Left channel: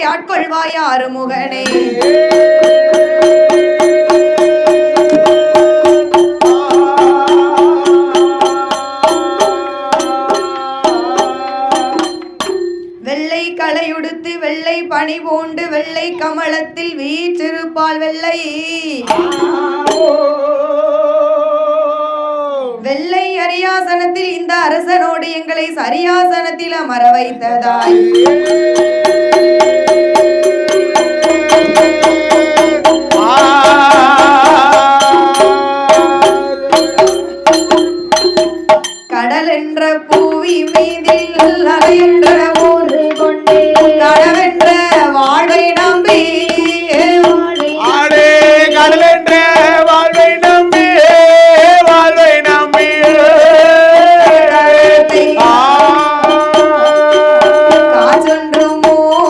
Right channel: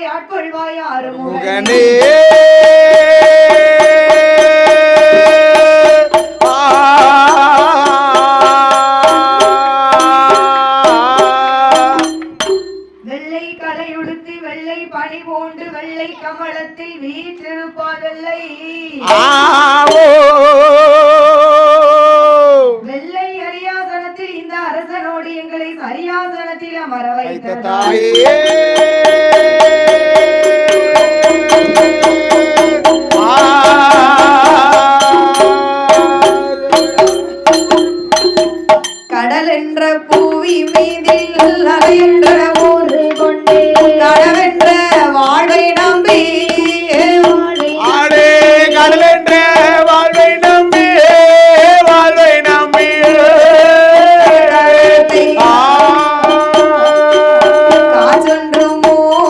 எங்களை ஆட்கொள்வாய் ஆறுமுகனே. வெள்ளை கலையுடுத்து வெள்ளை பனி பூண்டு வெள்ளை கமலத்தில் வீற்றிருப்பால் வெள்ளை வெள்ளை அரியாசனத்தில் இந்த அரசனோடு எங்களை சரியாசனத்தில் அமர வைத்ததாய் கடல் என்ற பூவி மீதில் அலை என்ற ஊரு கொண்டே கடவென்ற வாழை நம்பி கடல் என்ற வாழ்வை நம்பி வாழ்வை நம்பி காற்றொன்று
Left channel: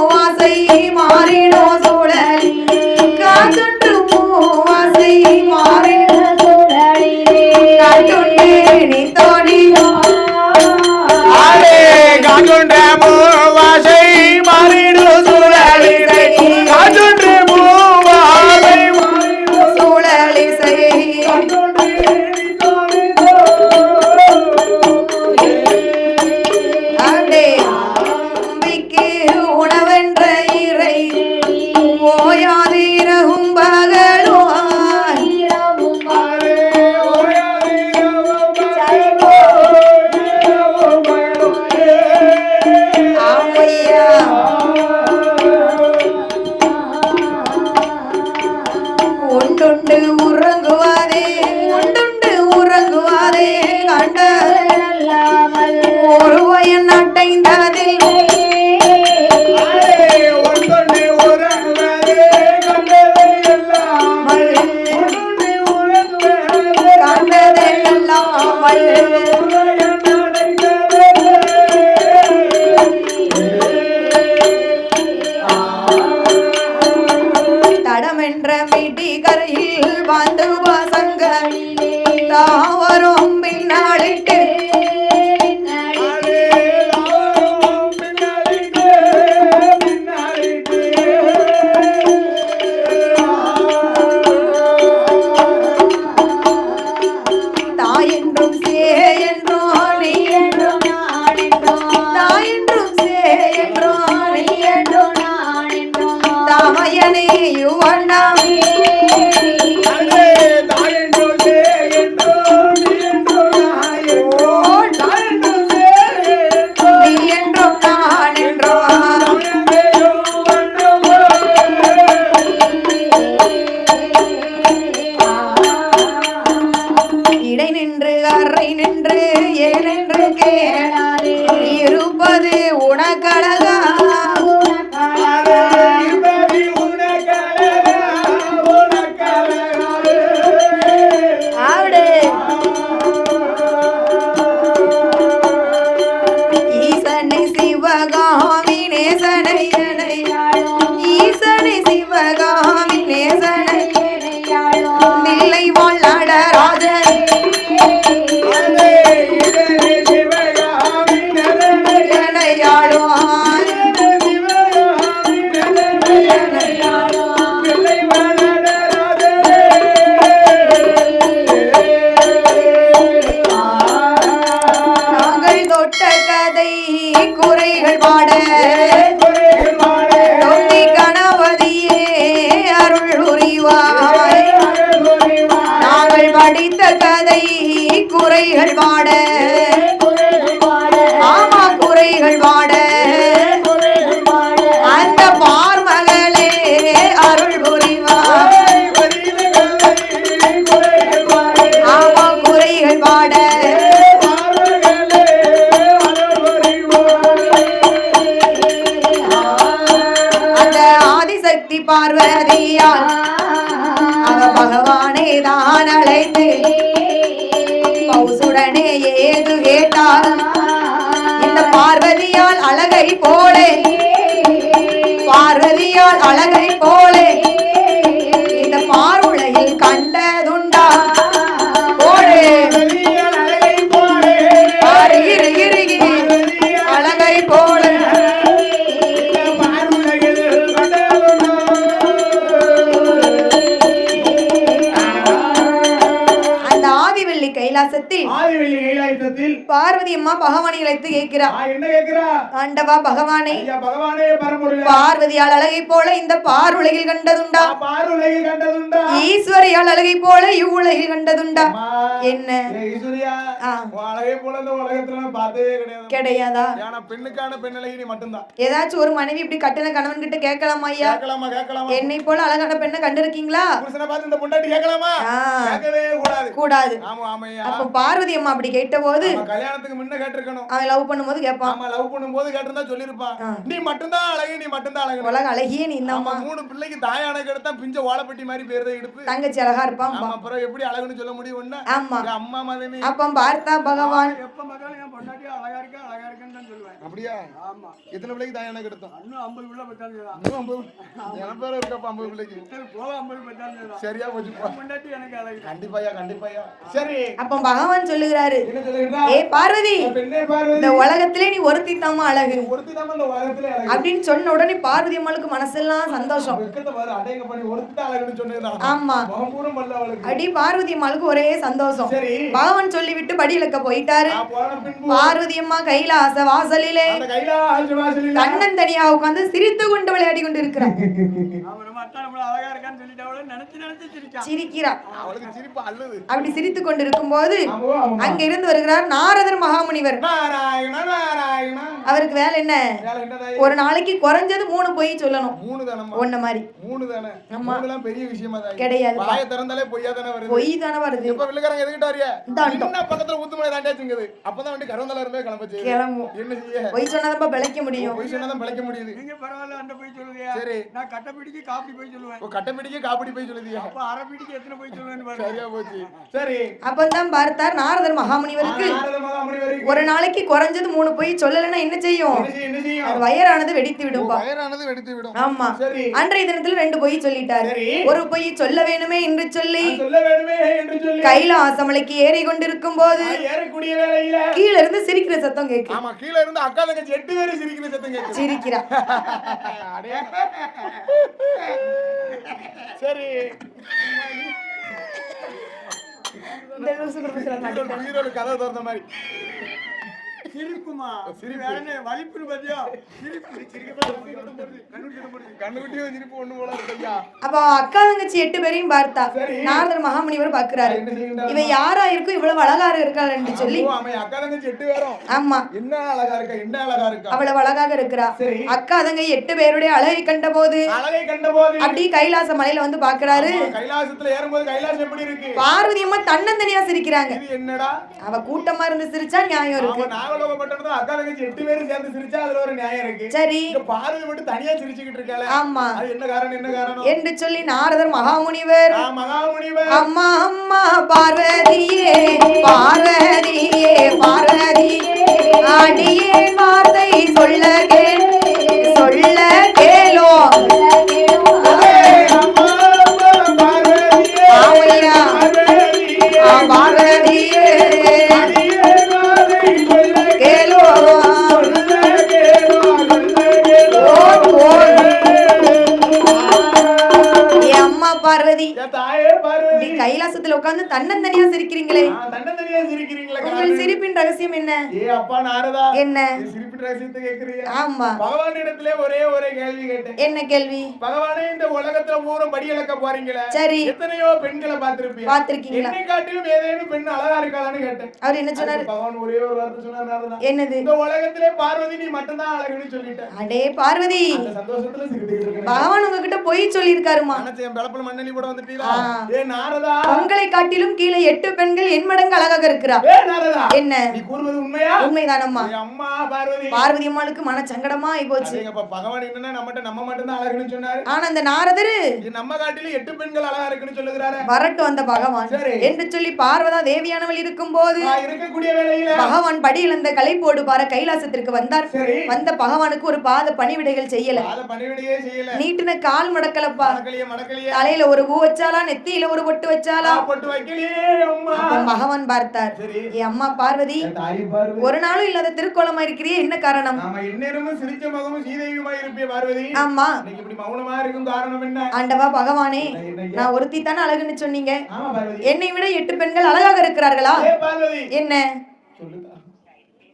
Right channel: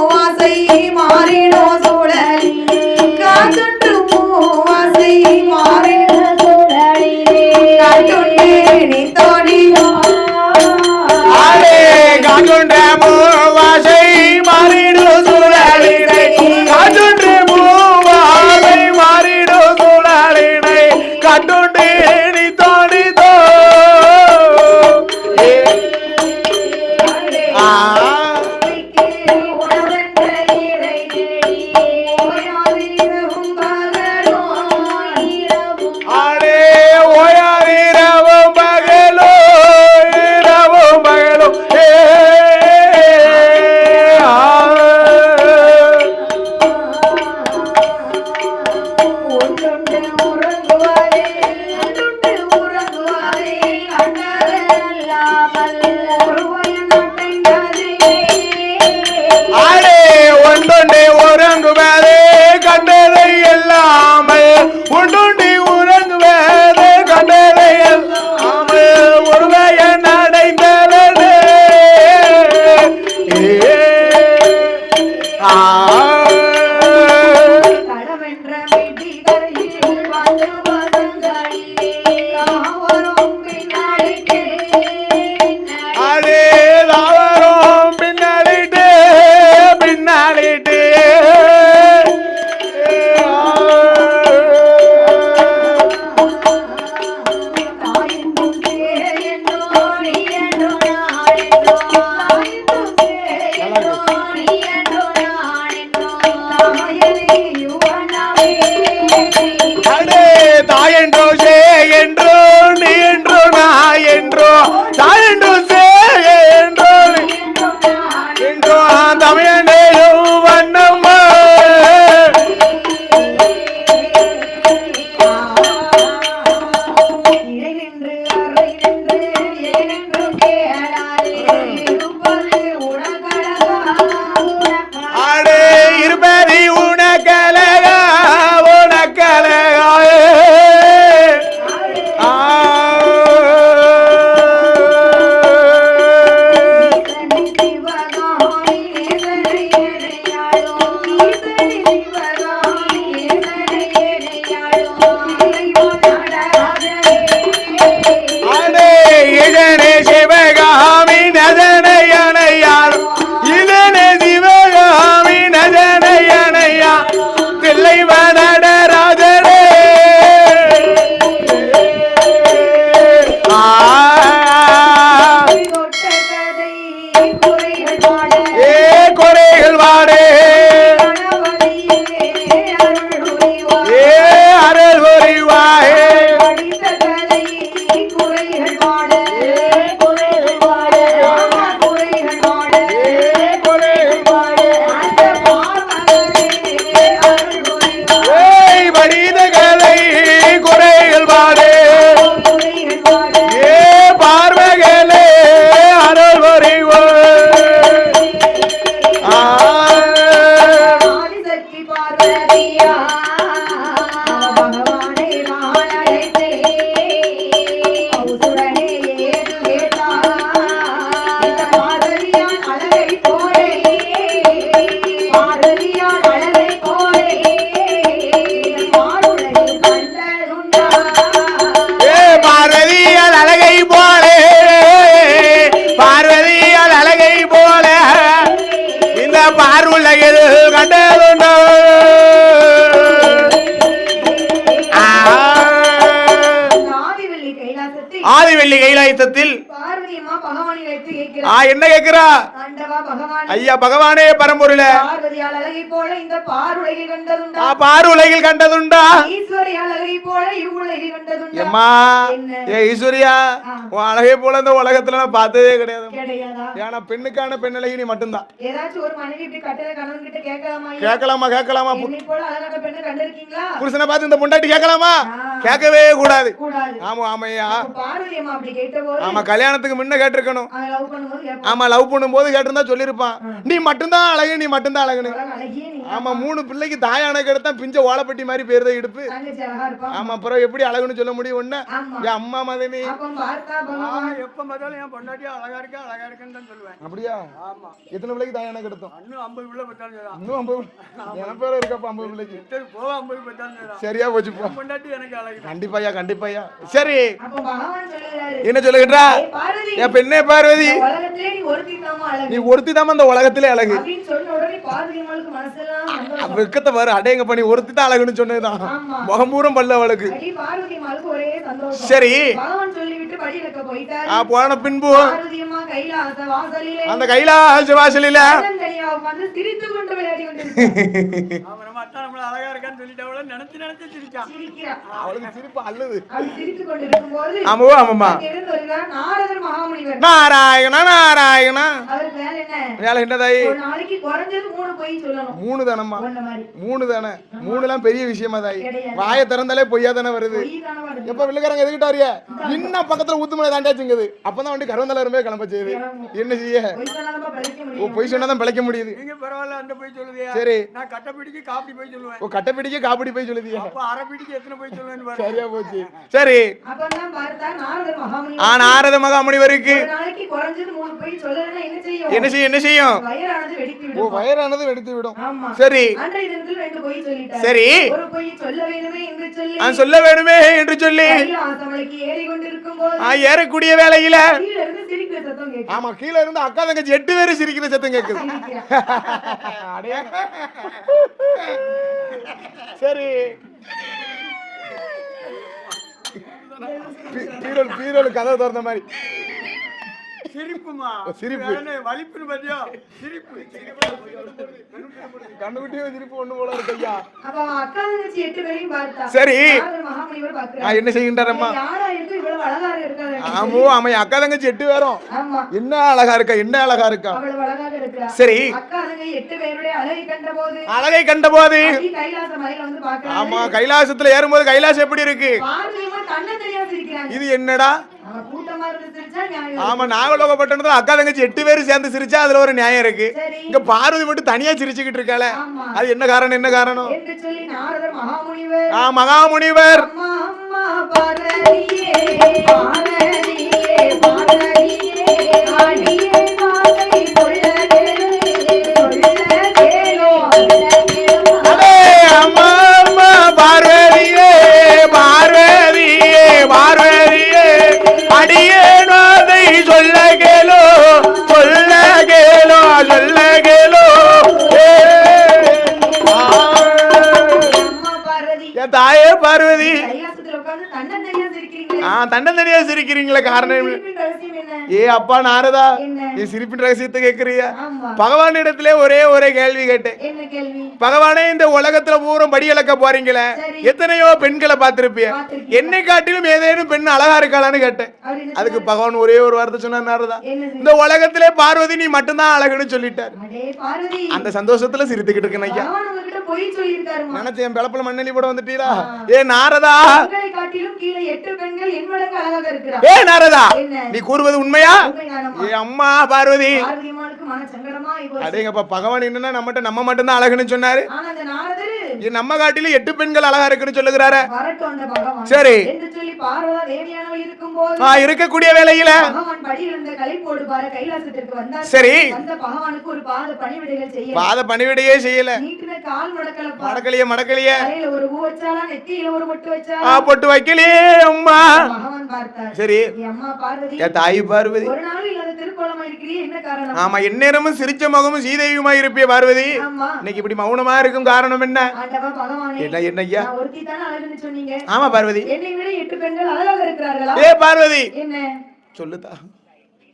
பார்வதி அம்மா பகவானை அழைத்து கேட்கிறார். என்ன கேக்குறா? ஆண்டவா பகவானே, ஐயா பகவானே பரம்பொருளே, பார்வதியால் அழகை போல இந்த பாருலகில் கண்டதுண்டா? பாருலகில் கண்டதுண்டா? ஈஸ்வரியால் அழகை போல இவ்வுலகில் கண்டதுண்டா? என்ன ஈஸ்வரியா, உன் அழகை போல இந்த உலகத்துல நான் பார்த்ததே கிடையாதா? ஏன்னா பெண்ணுக்கான பெண் அழகி நீ மட்டும்தான். ஏதாச்சும் ஒரு மனைவி இப்படி கட்டின கணவன் கிட்ட கேட்கலாமா ஐயா? கேட்கலாமா? என்னை போல அழகான பெண்ணை கண்டிருக்கீங்களா? புருஷனை பார்த்து இந்த பொண்டாட்டி கேட்கலாமா? கேட்கவே கூடாது. ஆமையா. பார்வதி அம்மா அப்படி கேட்டபோது நம்ம கல்யாணத்துக்கு முன்ன கேட்டிருக்கணும். அவன் லவ் பண்ணும்போது கேட்பான். ஆமா, லவ் பண்ணும்போது கேட்டிருந்தா சொல்லிருப்பான், நீ மட்டும்தான் அழகு, நீ மட்டும்தான் அழகு. அழகியே நீ தான். ஆமா, 3 பிள்ளைக்கு தாயான கிடத்தா பிஞ்ச ஓலப்பட்டி மாதிரி பேருத இடுப்பு. தங்கச்சி அழகா இருப்பான். ஆமா, அப்புறம் எப்படி அழகுன்னு சொல்ல முடியும் ஒண்ணு? ஆமா, அம்மா மதனி. அப்ப பார்த்தா பகவான் எப்ப பார்த்தாலும் என் பொண்டாட்டி அழகா இருக்குன்னு தான் சொல்லுவேன். அப்படியா? ஆமா. எத்தனை பிள்ளைக்கு தாயான கிடத்தோம்? இன்னும் 50 பிள்ளை பத்தாலும் இன்னும் 50 இருக்கப்பா. 50 பிள்ளைக்கு எத்தனை போக 50 பத்தாலும் சரியா போச்சு. பொண்டாட்டி எனக்கு அழகு. கண்டிப்பாயா. சரி, அப்ப பகவான் சொல்லுகிறாரு, என்ன சொல்லுகிறா? பார்வதி, என் பெண்ணே பார்வதி, உலகத்திலே நீ ஒருத்தி தாமா அழகு. நீ ஒருத்தி தாமா இந்த உலகத்திலே அழகு அப்படின்னு சொன்ன உடனே பார்வதி அம்மாளுக்கு மனசெல்லாம் சந்தோஷம். வெக்கத்தை பாரு, அடேங்க பண்ணி ஒருத்தி தான் அழகுன்னு சொன்னதுதான். ஆமா, முகம்பூரம் பல்ல அவளுக்கு. அடி பார்வதி அம்மாளுக்கு ஒரே சந்தோஷம். சரி, பகவான் சொல்லிவிட்டு படியிலக்க போயிட்டாரு. போன பின்பு பார்வதி அம்மா கைலாச வாசலிலே, அந்த கைலாச வாசலிலே தனியா உட்கார்ந்து சிரித்து கொண்டு விளையாடி கொண்டு இருக்கு. அழகா இருக்கான்னு சொல்லிட்டு அவளை நினைச்சு சிரிக்கிறா. அவளுக்கு சிரிப்பு அள்ளுது. அப்படி சிரித்துக் கொண்டிருக்கும் போது அங்க இருந்து வருகிறார் நாரதர் மகாமுனிவர். நாராயணா. அவருக்கு வேலை என்ன? ஒரு நாளைக்கு குறைஞ்சது 3 பொய் சொல்லணும். 3 தானம்மா? ஒண்ணு மாதிரி 3 தானே? 3லாம் பெரிய விஷயமா தான் கிடையாது. வாயை திறந்தாலே பொய்யா தானே வருது. பொய் தானே வருது. இப்ப வில்லுக்காரங்க எதுக்கிட்ட வரியா? இன்னும் பக்கத்துல ஊத்துமலை தாண்டாச்சுங்குது. அப்பதான் வந்து கருவந்தல இருமே கிளம்ப செய்யுது. என்ன செய்ய? பொய் சொன்னாதான் பிழைக்க முடியும். பொய் சொன்னாதான் பிழைக்க முடியுது. நீங்க பரவாயில்ல, அந்த பொய் சொல்லுங்க. சரி, நான் கட்டப்பிடிக்கு காப்பி போய் சொல்லுவேன். கட்டப்பிடிக்கு காப்படி போய் சொல்லுதியா? அப்ப அரைப்பிடிக்கு எத்தனை போய் சொல்லுவேன்னு பாருங்க. சரியா போச்சு. சரி, அப்பதான் பார்த்தார் நாரதர் மகாமுனிவர். நாரத மகாமுனிவருக்கு ஒரு நாளைக்கு குறைஞ்சது 3 பொய் சொல்லலன்னா என்ன செய்யும்? என்ன செய்யும்? வயிறானது வெடித்து விடும். வயிறானது வெடித்து விடும். ஆமா. சரி, அன்றைய தினத்துல 2 பொய் சொல்லிட்டார். சரி, ஒரு பொய் சொல்ல வேணுமே என்று சொல்லி கைலாசமலைக்கு ஏறி கொண்டிருக்கும் போது ஏறக்கூடிய வேளையில கீழ இருந்து சிரிக்கிற சத்தம் கேக்குது. ஆமா, கீழ இருந்து அக்கா தங்கச்சி 8 பேரும் சிரிக்கிற சத்தம் கேக்குது. சிரிக்கிறா. சரி, பீரோல் கதை திறந்த மாதிரி சிரிப்புமா? சிரிப்பு வலிப்புன்னு பாத்தியா? சிரிப்பு கண்ணுக்குட்டியும் சிரிப்பு ஒண்ணு போல இருக்கு ஐயா. அப்ப அக்கா தங்கச்சி 8 பேரையும் பார்த்தா. சரி, நாரதர் மகாமுனிவர் பாக்குறாரு. என்ன செய்கின்றார்? யாரா இருக்கு இவ்வளவு அழகா இருக்காள் என்று சொல்லி. ஆமா, அக்கா தங்கச்சி 8 பேரும். ஆமா, என்ன அழகா இருக்கா. அவ்வளவு அழகாக இருக்கிறா. சரி, அக்கா தங்கை 8 பேருடைய அழகை கண்டபோது அடி கைலாச மலையில வந்து பாக்குறாரு. கைலாசத்துல ஏறும்போது கைலாசம் எப்படி இருக்கு? பார்வதி அம்மா தன்னந்தனியா சிரிக்கிறாங்க. இது என்னடா? அவ கூட்டமா இருந்து சிரிச்சா நியாயம் இருக்கு. ஆமா, நாகலோகப்பட்டணத்துல அக்கா தங்கச்சி 8 பேரும் சேர்ந்து சிரிச்சா அதுல ஒரு நியாயம் இருக்கு. சரி, இங்க பார்வதி மட்டும் தனியா சிரிச்சுக்கிட்டு இருக்காளே. ஆமா, அது என்ன காரணம் என்று சொல்லி நாரதர் மகாமுனிவர் அம்மா அம்மா பார்வதியே பார்வதியே பார்வதியே ஆடியே வார்த்தை சொல்ல கேளோ. அம்மா அம்மா பார்வதியே பார்வதியே பார்வதியே அடியே வார்த்தை சொல்ல கேளோ. தாயே பார்வதி, கைலாசத்துல உட்கார்ந்து தன்னந்தனியா சிரிக்கிறீங்களே. தன்னந்தனியா சிரிக்கிறீங்களே, காரணம் சிரிப்பின் ரகசியம் என்ன? அப்பா நாரதா, என்ன சிரிப்பின் ரகசியத்தை கேக்குறியா? ஆமா, பகவானிடத்திலே ஒரே கேள்வி கேட்டேன். என்ன கேள்வி? பகவானே, இந்த உலகத்துல பூரா படி இழக்க போறீங்களே, எத்தனையோ பெண்களை பார்த்திருப்பியா, என்னை காட்டிலும் ஏதேனும் பெண் அழகா இருக்காளான்னு கேட்டேன். அதுக்கு பகவான் ஒரே ஒரு வார்த்தை சொன்னார். நாரதா, இந்த உலகத்திலே பார்வதி நீ மட்டும்தான் அழகுன்னு சொல்லிட்டார். அடே பார்வதி, அந்த சந்தோஷத்துல சிரித்துக்கிட்டு இருக்கேன். பகவான் உங்ககிட்ட போய் சொல்லிருக்காருமா. நினைச்சேன் பிளப்புல மண்ணெலி போட வந்துட்டீங்களா? நாரதா, உங்களை காட்டிலும் கீழே 8 பெண்கள் என் மடங்கு அழகாக இருக்கிறார். நாரதா, என்ன நீ கூறுவது உண்மையா? உண்மைதானம்மா. அம்மா பார்வதி அம்மாளுக்கு மன சங்கடமா ஆயிப்போச்சு. அதேங்கப்பா, பகவான் என்னன்னா நம்ம மட்டும் தான் அழகுன்னு சொன்னாரு. ஆனா அந்த நாரதர் நம்ம காட்டிலும் 8 பெண்கள் அழகா இருக்குன்னு சொல்லுகிறாரு. வரட்டும் அந்த பகவான். சரி என்று சொல்லி பார்வதா தேவியானவள் இருக்கும்போது இருக்கக்கூடிய வேளையில பகவான் படியில் அந்த கலைப்போடு பார கைலாசத்திற்கு வந்தார். சரி, வந்த பகவானுக்கு ஒரு பாத பணிவிடைகள் செய்யல. பாத பணிவிடையே செய்யல. நீட்டின கால் மடக்கலப்பா. மடக்கலையே. தலையில ஒரு பூ வச்சாலா, நெத்தியில ஒரு பொட்டு வச்சாலா? பொட்டு வைக்கலையே அம்மா. பகவான் பார்த்தார். சரி, என் அம்மா பார்வதி, என் தாய் பார்வதி, ஒரு நாளும் இல்லாத திருக்கோலமா இருக்கிறீ, என்ன காரணம்? ஆமா, எந்நேரமும் சிரிச்ச முகமும் சீதையுமா இருப்பிய பார்வதி. ஆமா, இன்னைக்கு இப்படி மௌனமா இருக்கும் காரணம் என்ன? ஆண்டவா பகவானே, என்னய்யா, நான் ஒருத்தி தானே அழகுன்னு சொன்னீங்க. ஆமா பார்வதி, என்னை விட 8 பெண்கள் அழகாக இருக்கிறார்களா? பார்வதி, என்ன சொல்லுதா?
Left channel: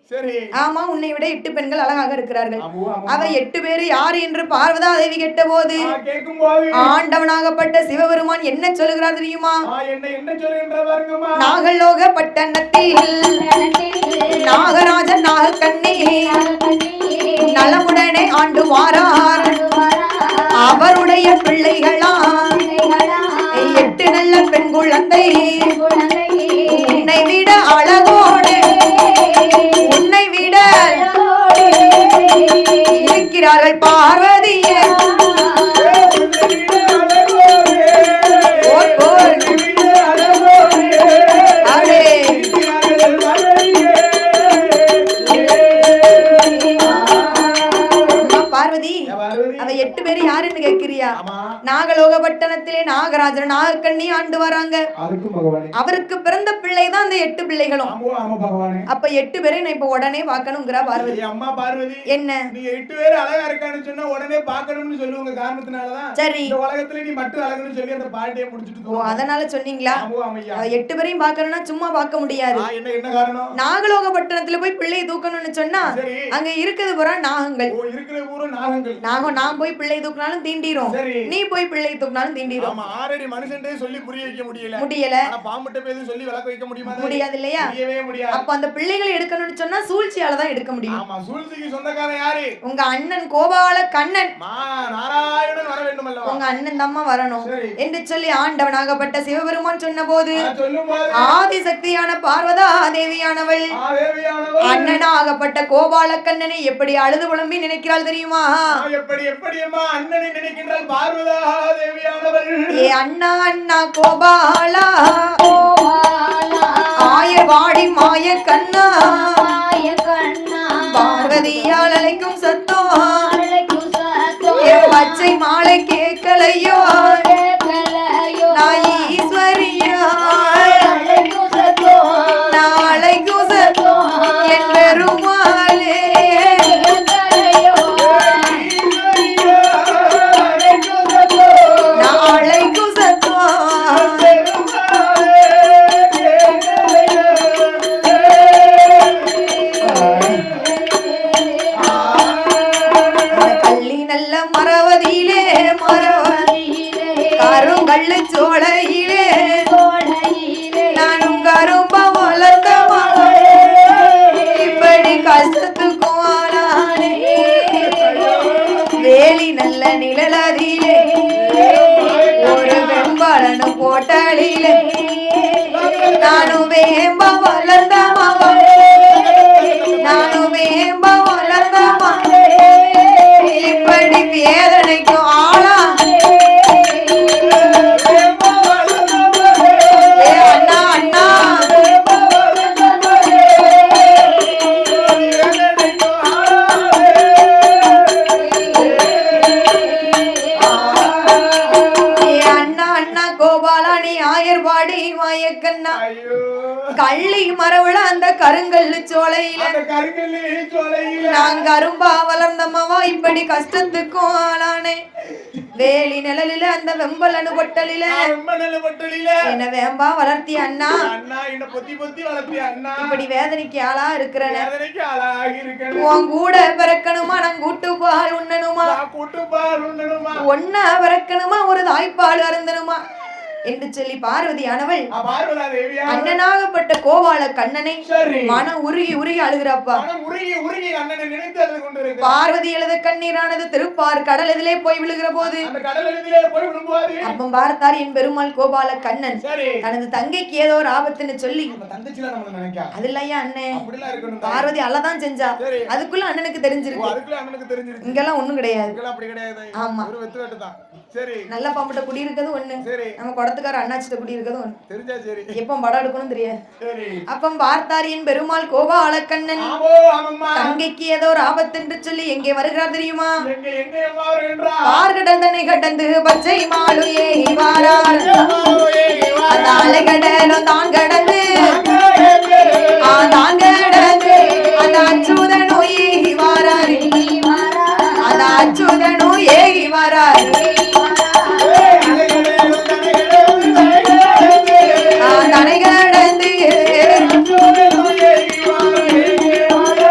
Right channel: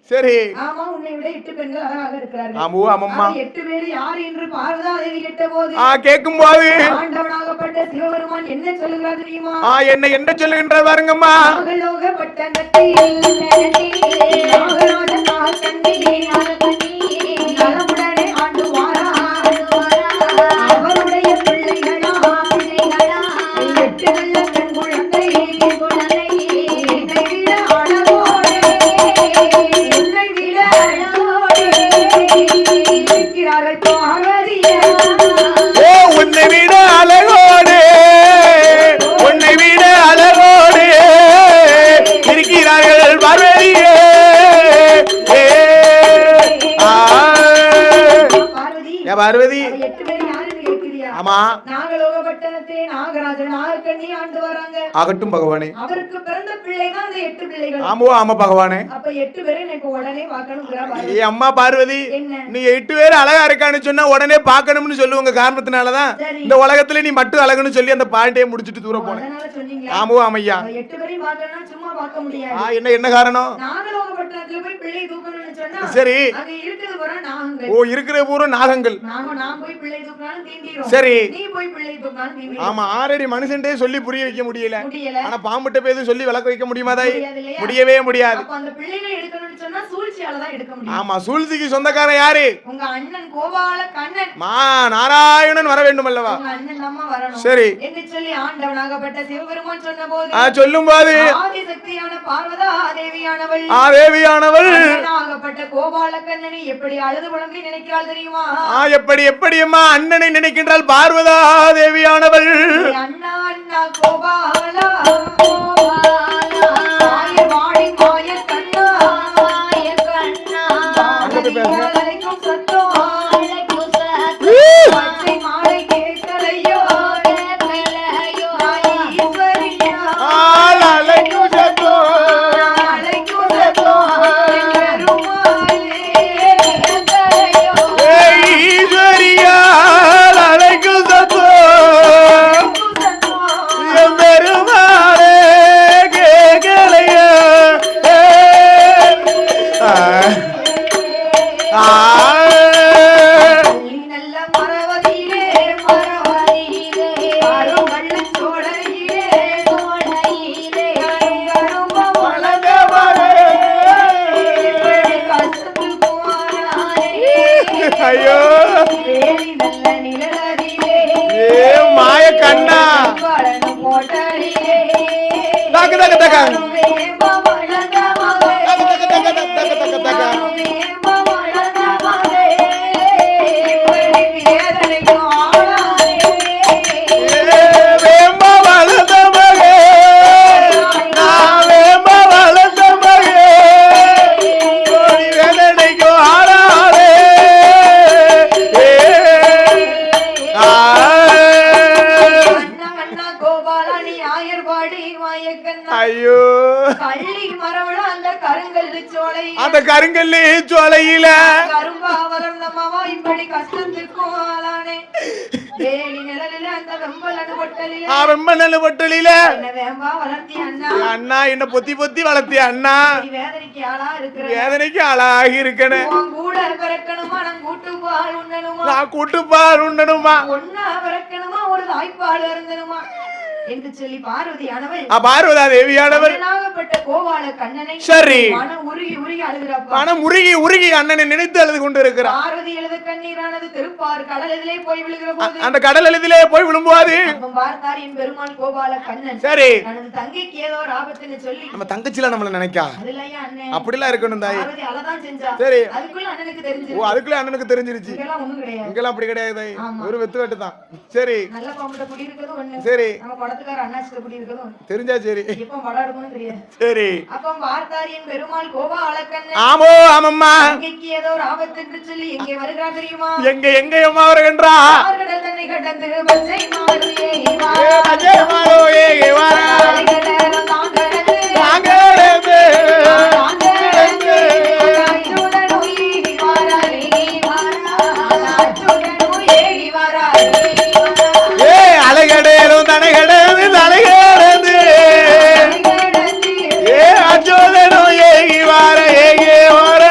சரி. ஆமா, உன்னை விட 8 பெண்கள் அழகாக இருக்கிறார்கள். ஆமாம்மா. அவ 8 பேர் யார் என்று பார்வதா தேவி கேட்டபோது கேட்கும்போது ஆண்டவனாகப்பட்ட சிவபெருமான் என்ன சொல்லுகிறார் தெரியுமா? என்ன சொல்லுகின்றார் பாருங்கம்மா. நாகலோக பட்டணத்தில் நாகராஜன் நாகக்கண்ணி நலமுடனே ஆண்டு வாரார். அவருடைய பிள்ளைகளா 8 நல்ல பெண் குழந்தை உன்னை விட அழகோடு உன்னை விட இருக்கிறார்கள் பார்வதியே. உன்னை விட அழகோடு உன்னை விட அழகோடு இருக்கிறார்கள் பார்வதியே. பார்வதி 8 பேர் யாருன்னு கேட்கிறியா? ஆமா. நாகலோக பட்டணத்திலே நாகராஜன் நாகக்கண்ணி ஆண்டு வராங்க. ஆகட்டும் பகவானே. அவருக்கு பிறந்த பிள்ளை தான் அந்த 8 பிள்ளைகளும். ஆமா பகவானே. அப்ப 8 பேரை நான் இப்ப உடனே பார்க்கணும்ங்கற பார்வதி. அம்மா பார்வதி, என்ன நீ 8 பேர் அழகா இருக்கான்னு சொன்னா உடனே பார்க்கணும்னு சொல்லுவாங்க. காரணத்தினாலதான் இந்த உலகத்துல நீ மட்டும் அழகுன்னு சொல்லி அந்த பாயிண்டையே முடிச்சிட்டு தூரம். அதனால சொன்னீங்களா? ஆமையா. 8 பேரையும் பார்க்கணும்னா சும்மா பார்க்க முடியாது. என்ன காரணம்? நாகலோக பட்டணத்துல போய் பிள்ளை தூக்கணும்னு சொன்னா சரி, அங்க இருக்குது பூரா நாகங்கள். இருக்கிற பூரா நாகங்கள். நான் போய் பிள்ளை தூக்கினாலும் தீண்டிரும். சரி, நீ போய் பிள்ளை தூக்கினாலும் தீண்டிரும். ஆமா, ஆல்ரெடி மனுஷன்டே சொல்லி புரிய வைக்க முடியல. ஆனா பாம்புட்ட பேது சொல்லி விளக்க வைக்க முடியுமா? முடியவே முடியாது. அப்ப அந்த பிள்ளைகளை எடுக்கணும்னு சொன்னா சூழ்ச்சியால தான் எடுக்க முடியும். ஆமா, சூழ்ச்சிக்கு சொந்தக்காரன் யாரு? உங்க அண்ணன் கோபால கண்ணன் நாராயணன் வர வேண்டும் அல்லவா? உங்க அண்ணன் தான் வரணும். சரி என்று சொல்லி ஆண்டவனாகப்பட்ட சிவபெருமான் சொன்னபோது சொல்லும்போது ஆதிசக்தியான பார்வதா தேவியானவள் அண்ணனாகப்பட்ட கோபால கண்ணனை எப்படி அழுது புலம்பி நினைக்கிறாள் தெரியுமா? எப்படி அம்மா அண்ணனை நினைக்கின்றாள் பார்வதா தேவியானவள்? அண்ணா அண்ணா கோபாலா ஆய வாடி மாய கண்ணா பார்வதியால் அழைக்கும் சத்தம் பச்சை மாலை கேட்கலையோ கருங்கல்லி சோலையில கரும்பா வளர்ந்தம்மாவா இப்படி கஷ்டத்துக்கும் ஆளானே. வேலி நிழலில அந்த வெம்பலனு பொட்டலில என்ன வேம்பா வளர்த்திய அண்ணா. அண்ணா என்ன பொத்தி பொத்தி வளர்த்திய அண்ணா. வேதனைக்கு ஆளா இருக்கிற வேதனைக்கு ஆளாகி இருக்கணும். உன் கூட பிறக்கணுமா நான் கூட்டுப்பால் உண்ணணுமா ஒன்னா பிறக்கணுமா ஒரு தாய்ப்பால் அருந்தணுமா என்று சொல்லி பார்வதியானவள் பார்வதா தேவியானவள் அண்ணனாகப்பட்ட கோபால கண்ணனை சரி மனம் உருகி அழுகிறாப்பா. மனம் உருகி அண்ணனை நினைத்து அழுது கொண்டு இருக்கிறார். பார்வதி எழுத கண்ணீரானது திருப்பார் கடல் எதிலே போய் விழுகிற போது அந்த கடல் எதிலே போய் விழும்போது பார்த்தார் என் பெருமாள் கோபால கண்ணன் சரி தனது தங்கைக்கு ஏதோ ஒரு ஆபத்துன்னு சொல்லி நம்ம தங்கச்சில நம்மள நினைக்கா அதுலயா அண்ணன் அப்படிலாம் இருக்கணும். பார்வதி அழதான் செஞ்சா. சரி அதுக்குள்ள அண்ணனுக்கு தெரிஞ்சிருக்கு. அதுக்குள்ள அண்ணனுக்கு தெரிஞ்சிருச்சு. இங்கெல்லாம் ஒண்ணும் கிடையாது. இங்கெல்லாம் அப்படி கிடையாது. ஒரு வெத்து வெட்டு தான். சரி நல்ல பாம்பட்ட குடி இருக்குது ஒண்ணு. சரி நம்ம குடத்துக்கார அண்ணாச்சிட்ட குடி இருக்குது ஒண்ணு. தெரிஞ்சா சரி எப்ப படம் எடுக்கணும் தெரியாது. சரி அப்ப பார்த்தார் என் பெருமாள் கோபால கண்ணன் ஆமாம்மா தங்கைக்கு ஏதோ ஒரு ஆபத்து என்று சொல்லி எங்கே வருகிறார் தெரியுமா? எங்க அம்மா வருகின்றார்? ஆர்கடந்தனை கடந்து பச்சை மாடு ஏறி வாரார். கடலும் தான் கடந்து ஏகி வார